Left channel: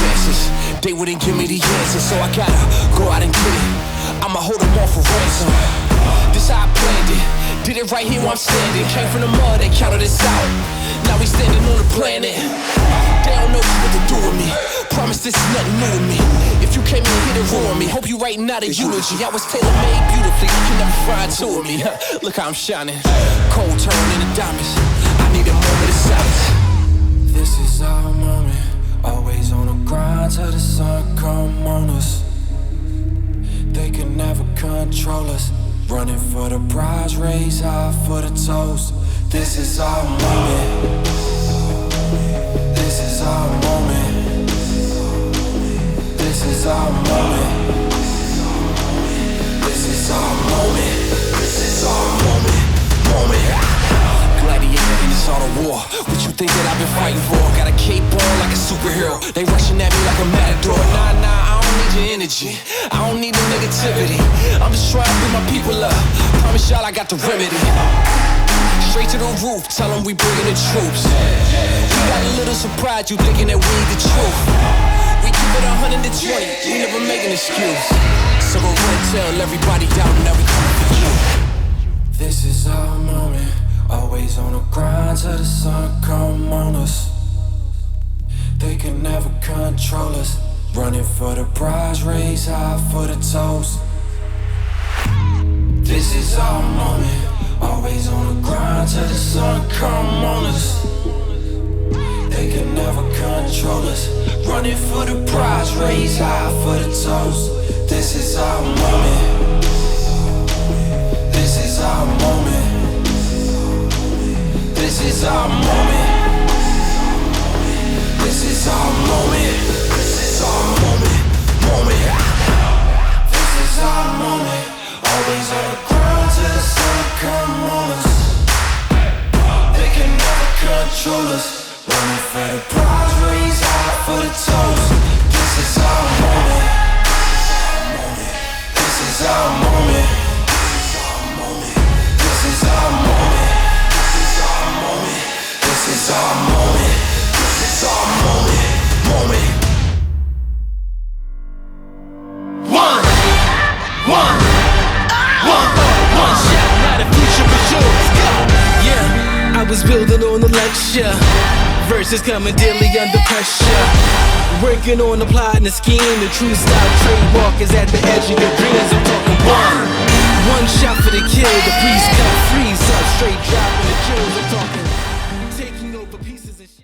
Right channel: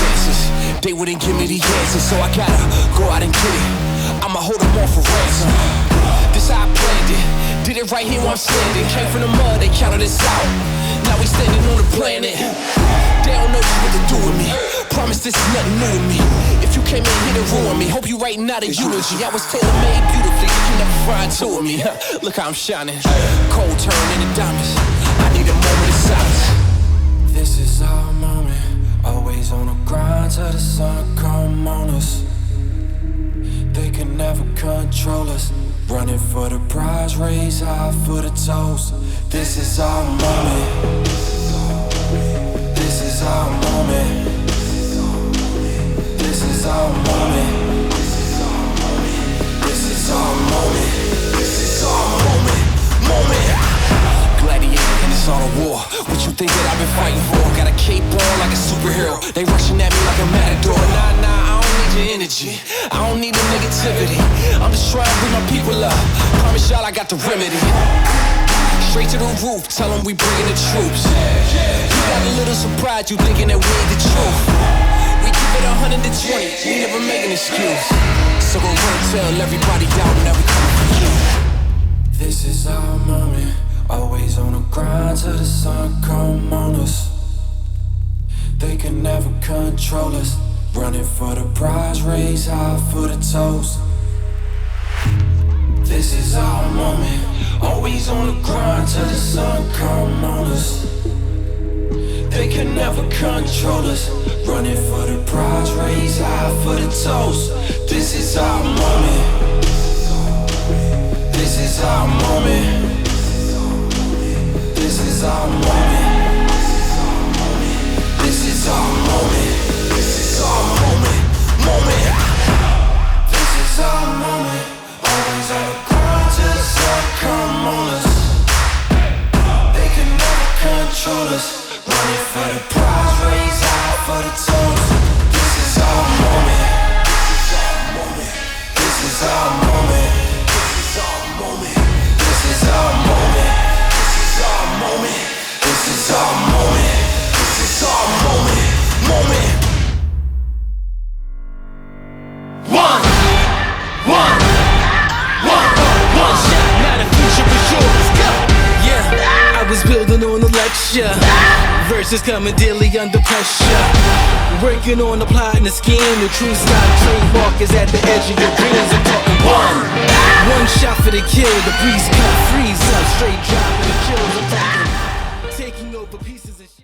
chances. They wouldn't give me the answers, so I gotta go out and get it. I'ma hold them all for ransom. This how I planned it. Did it right here where I'm standing. Came from the mud, they counted us out. Now we standing on the planet. They don't know just what to do with me. Promise this is nothing new to me. If you came in here to ruin me, hope you writing out a eulogy. I was tailor-made beautifully, you can never find two of me. Look how I'm shining. Cold turn into diamonds. I need a moment of silence. This is our moment. Always on the grind till the sun come on us. They can never control us. Running for the prize, raise high for the toast. This is our moment. This is our moment. This is our moment. This is our moment. This is our moment. Gladiator in this art of war. What you think that I've been fighting for? Got a cape on like a superhero. They rushing at me like a matador. Nah, I don't need your energy. I don't need the negativity. I'm just trying to bring my people up. Promise y'all I got the remedy. Straight to the roof, tell them we bringing the troops. We got a little surprise, you thinking that we ain't the truth. We give it 120, we never make an excuse. So go run and tell everybody doubting that we coming for you. This is our moment. Always on the grind till the sun come on us. They can never control us. Running for the prize, raise high for the toast. This is our moment. Always on the grind till the sun come on us. They can never control us. Running for the prize, raise high for the toast. This is our moment. This is our moment. This is our moment. This is our moment. This is our moment. This is our moment. Always on the grind till the sun come on us. They can never control us. Running for the prize, raise high for the toast. This is our moment. This is our moment. This is our moment. This is our moment. This is our moment. One shot, now the future is yours. Go! Yeah, I was building on the lecture. Verses coming daily under pressure. Working on the plot and the scheme. The true style trademark is at the edge of your dreams. I'm talking one shot for the kill. The breeze come freeze up. Straight dropping the chills. I'm talking taking over pieces and shit.